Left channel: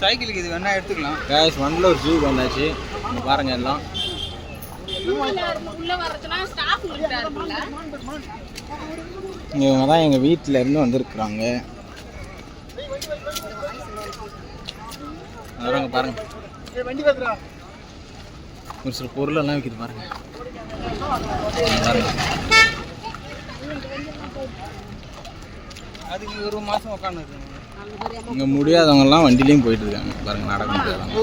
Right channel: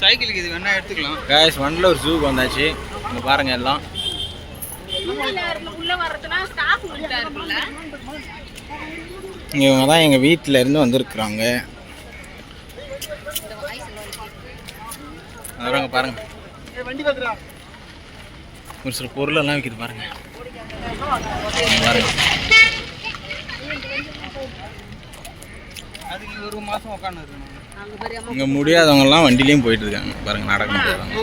சைக்கிளுக்கு இது வேணா எடுத்துக்கலாம். கேஷ் வண்டலூர் ஜூக்கு வந்தாச்சு. இங்கே பாருங்க எல்லாம். இவங்க தான் எங்கள் வீட்டில் இருந்து வந்திருக்குறாங்க. வரவங்க பாருங்க. ஒரு சில பொருளெல்லாம் விற்கிது பாருங்க. பாருங்க. அதுக்கு ஒரு மாசம் உட்காந்து அங்க பாரு அம்மா இங்கே முடியாதவங்கலாம் வண்டிலையும் போயிட்டு இருக்காங்க பாருங்க நடக்க முடியாதவங்க.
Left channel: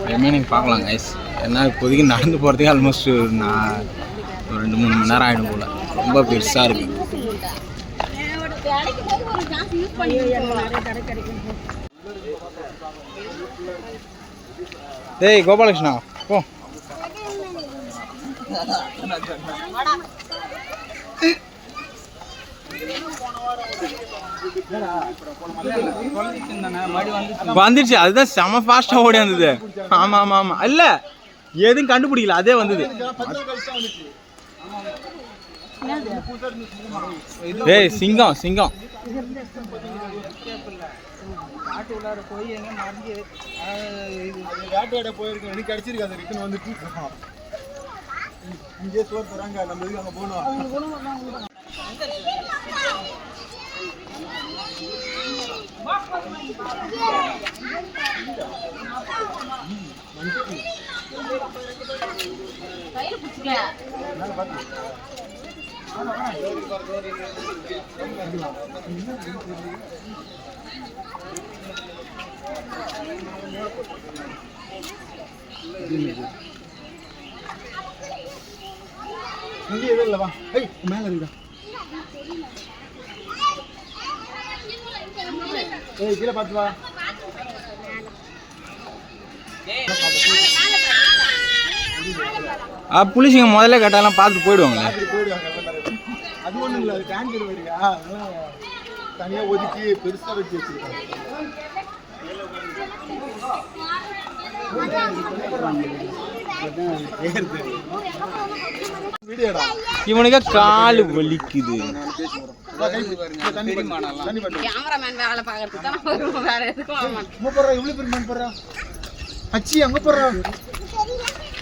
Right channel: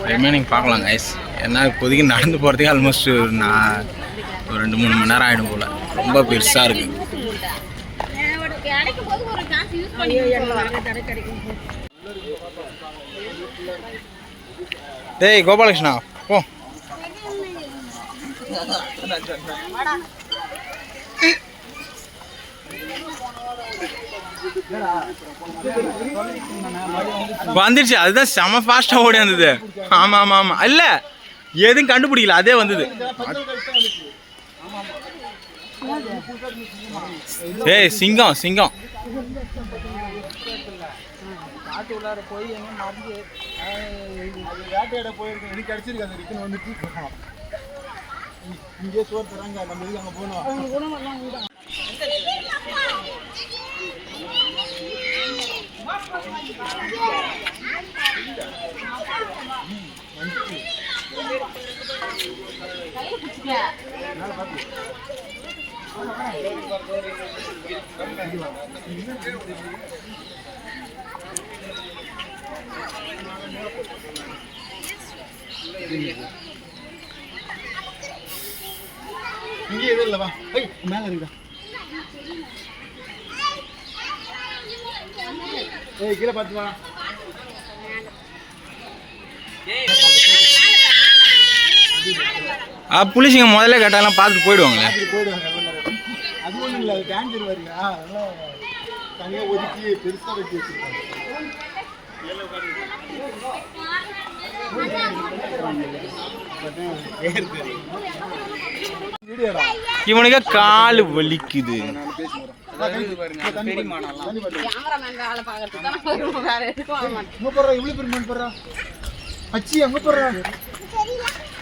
ஒரு ரிமைனிங் பார்க்கலாம் கைஸ் ஏன்னா இப்போதைக்கு நடந்து போகிறதுக்கு ஆல்மோஸ்ட் நான் ஒரு ரெண்டு மூணு மணி நேரம் ஆகிடும் போல். ரொம்ப பெருசாக இருக்குது ஒரு டேய் கோபாலகிருஷ்ணா போ. வந்துருச்சு அதுதான் செம ஃபாஸ்ட்டாக ஓடி வந்தது. ஆமாம் ஆமாம் ஆமாம் இல்லை எதுவும் கண்டுபிடிக்கல அதே வந்தது. ஏய் சிங்கம் சிங்கம். போய் எங்க மறந்து வேட்டையாட போயிருக்கோம் எனக்கு அடிச்சிருக்காது ரிட்டன் வந்துட்டு இங்கே சோறு தராங்க நம்ம இதுக்கு அங்கே போகணும். இங்கே எதுவும் இல்லை வா. ஐய் மேலே இருக்கா ஏய் கீழே பார்த்து வா. ஆ புளிசிங்க முதல்ல கேட்டாலாம் பார்த்துட்டு போயிடுவாங்களே. அது ஒன்றும் இல்லை டேங்கர் வருங்க அதெல்லாம் தனியாக ஒதுக்கி பெருசாக வச்சு வச்சிருக்காங்க. இவனுக்கு கால் வலிக்குது.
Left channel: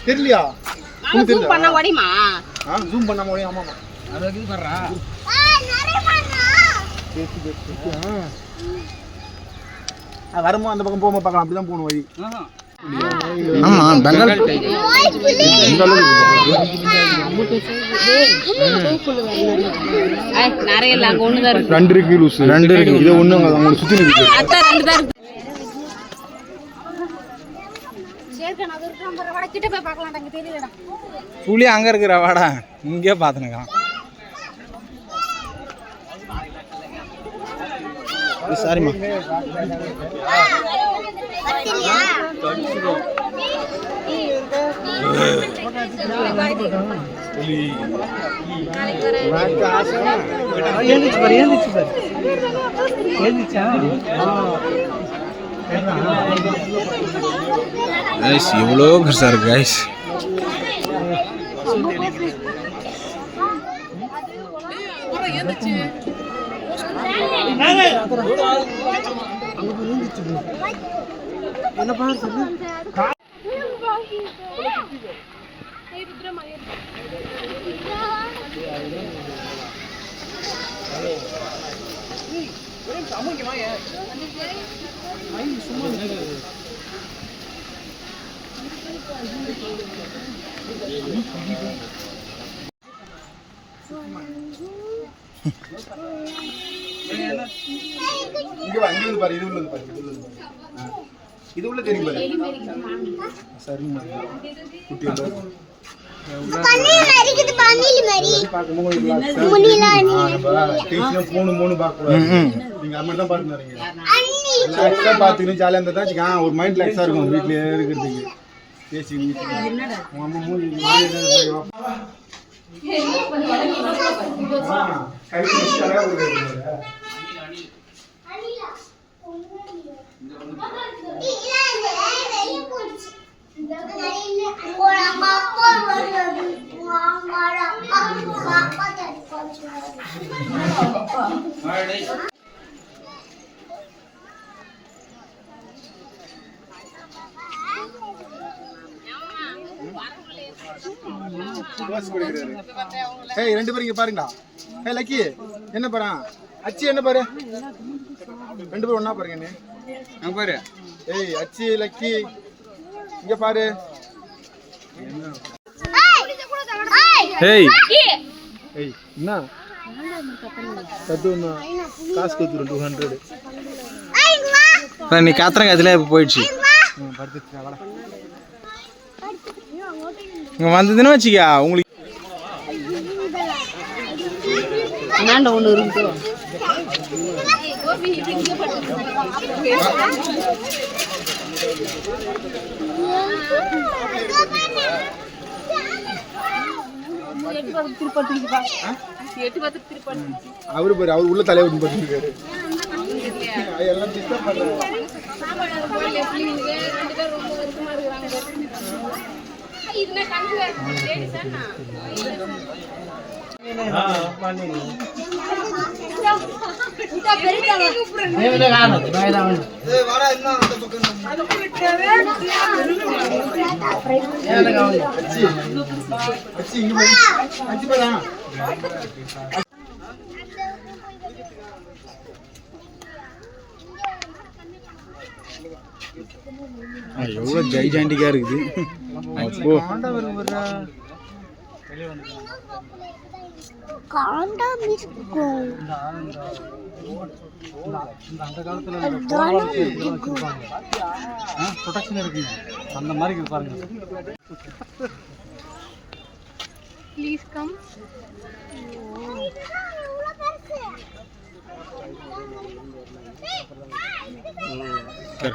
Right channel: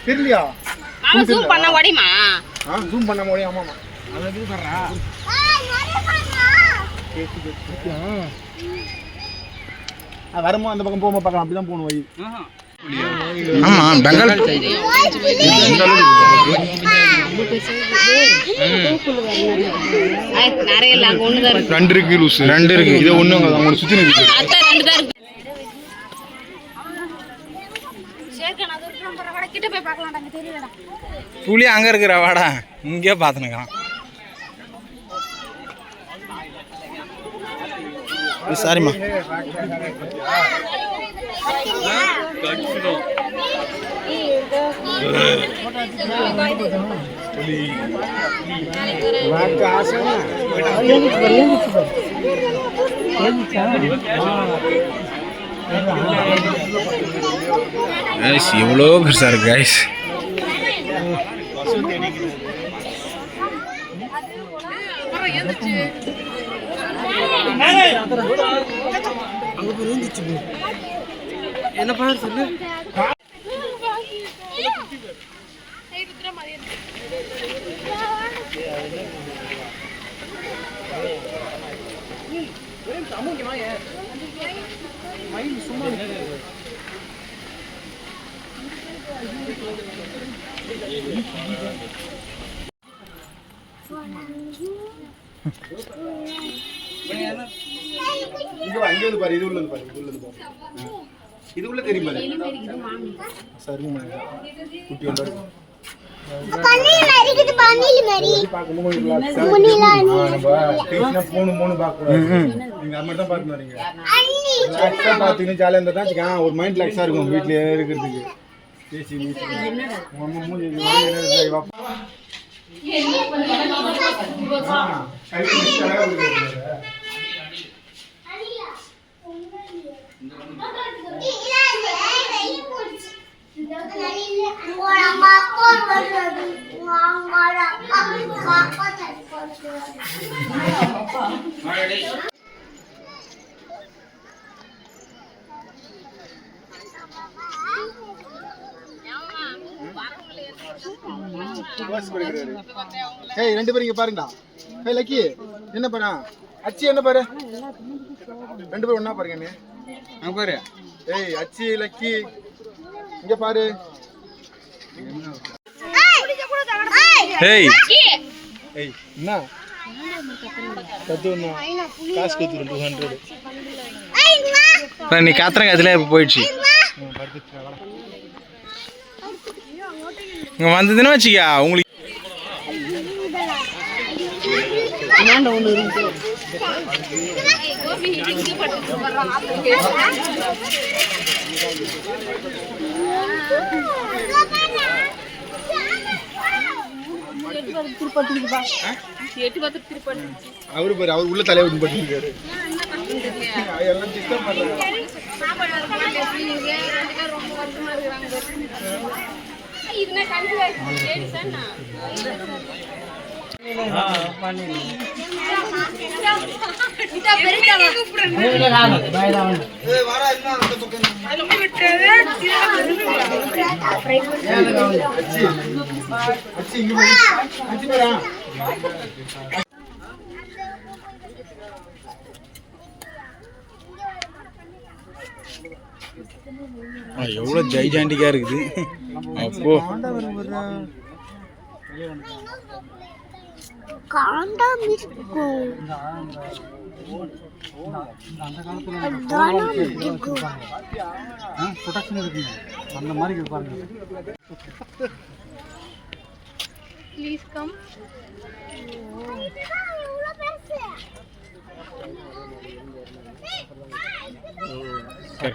தெரியலையா? ஜூம் பண்ண ஓடிமா? ஆ ஜூம் பண்ண முடியும் ஆமாமா அதை இது பண்றா வரும்போது அந்த பக்கம் போகும்போது பார்க்கலாம். அப்படிதான் போகணும் வழி. ஆமா பெங்கால் அங்கே தான் ரெண்டு இருக்கு லூஸ் ரெண்டு இருக்கு. இது ஒண்ணு அவங்க சுத்தி இருக்கு அதான் ரெண்டு தான் இருக்கு. சரி அது கூட கிட்ட போய் பார்க்கலாம் அங்கே தெரியலடா புளி அங்க இருக்கிற வாடா இங்கே பார்த்துனுக்கான் சாரிம்மா கைஸ் எவ்வளோ பெருசா இங்க வா இங்க வந்து பாரு இது உள்ளது பாரு இது உள்ளது பாரு. இது உள்ள தெரியும் பாரு. சரிங்க குட்டி ஒன்றா இருக்கும் ஆ இருந்தா ஒரு மைண்ட் ரிலாக்ஸா இருக்கும் வீட்லயே இருக்கிறதுக்கு. பேசி நீ- உங்க அம்மா மூஞ்சி இந்த மாதிரி என்ன இருக்கு, வா. ஆ, கை வச்சு அழகா இருக்குது. இல்ல வாசி கொடுக்குறாரு ஏய் ரெண்டு பேரும் இங்க பாருங்கடா. ஏய் லக்கி என்ன பாரு? அச்சி என்ன பாரு? ரெண்டு பேரும் ஒண்ணா பாருங்க. அங்க பாரு. ஏய் அச்சி லக்கி இங்க பாரு. ஏய் ஏய் என்ன? கத்துனா காசு கொடுத்துரு டூ ஹண்ட்ரட் இப்போ நீ கத்துறங்க அதில் இப்போ போயிடுச்சு. இங்கே வந்ததுன்னு வச்சுக்கா உங்களுக்கு. அவரு பேர் அவர் உள்ள தலையை விட்டு பட்டுருக்காரு எல்லாம் டிஸ்டர்ப் எவ்வளோ ஜெய்ஜாண்டிக்காக இருக்குது? அப்போ. அச்சி பாரு இருக்குது ப்ரொடக்ஷன் இருக்குங்க அந்த மாதிரி இருக்கு பாருங்க ப்ளீஸ் கம் சரி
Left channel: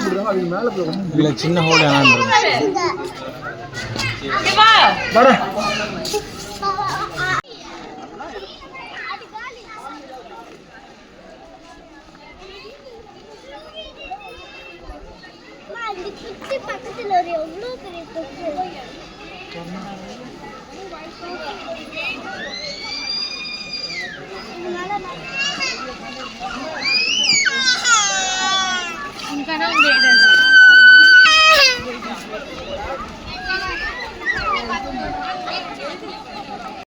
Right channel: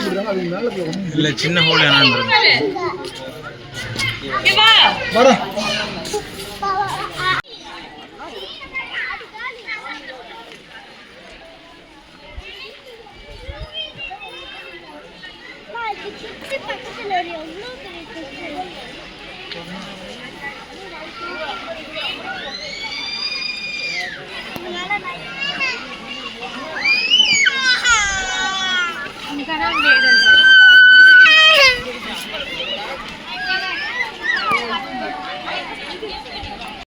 போடுறாங்க அதுக்கு மேலே போய் ரொம்ப இல்லை சின்ன ஹோல்